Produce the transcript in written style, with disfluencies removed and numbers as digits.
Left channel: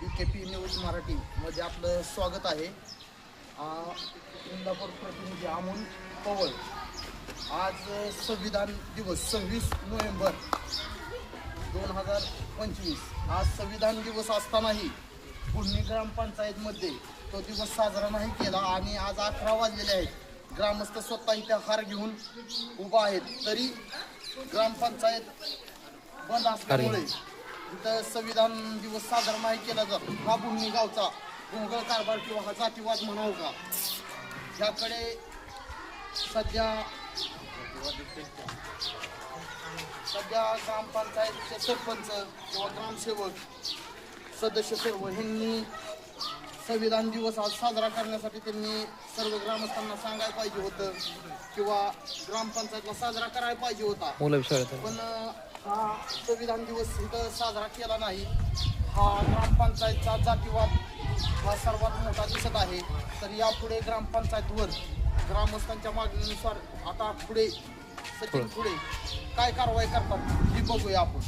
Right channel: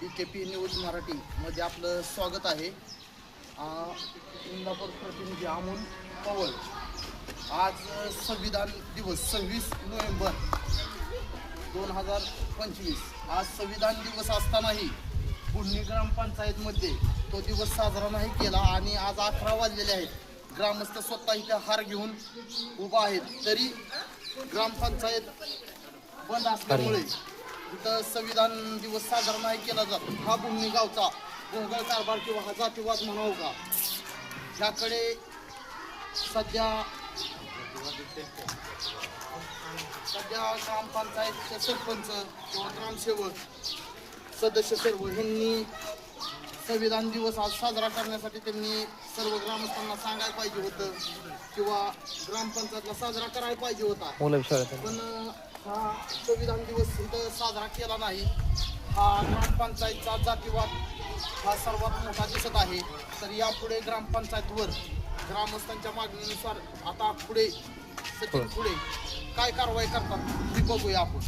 DKP news Marathi मध्ये आपलं स्वागत आहे. इंदापूर प्रतिनिधी अमोल पवळ. आज संविधान दिवस 26 नोव्हेंबर 2025. आज संविधान दिवस असतानाही पुणे ग्रामपंचायतमध्ये तो दिवस साजरा नाही केला आणि आज 11 वाजलेले आहेत. ग्रामस्थ स्वतः इथे हार घेऊन उभा आहेत, तरी ग्रामपंचायत बंद असल्यामुळे इथं संविधान दिवस साजरा नाही केला जातो. हा पुणे गावचा भोंगळ कारभार किंवा हा जातीवाद म्हणावं का, ज्याकडे सध्या ग्रामपंचायतचे सरपंच किंवा ग्रामसेवक सदस्य सर्व यांनी संविधान दिवस आज साजरा करण्यासाठी त्यांनी सर्व ग्रामस्थांना सांगायला पाहिजे होतं किंवा ग्रामपंचायतला साजरा करायला पाहिजे होता. पण हा संविधान दिवस इथं साजरा केला नाही. हा ग्रामपंचायतचा जातीवाद हा सर्वात मोठा दिसत आहे. तर यापुढे ग्रामपंचायतवर ग्रामस्थांच्या मागणीनुसार आता पुढे सचिन पुढे काय कारवाई करतात हे बघूया आपण.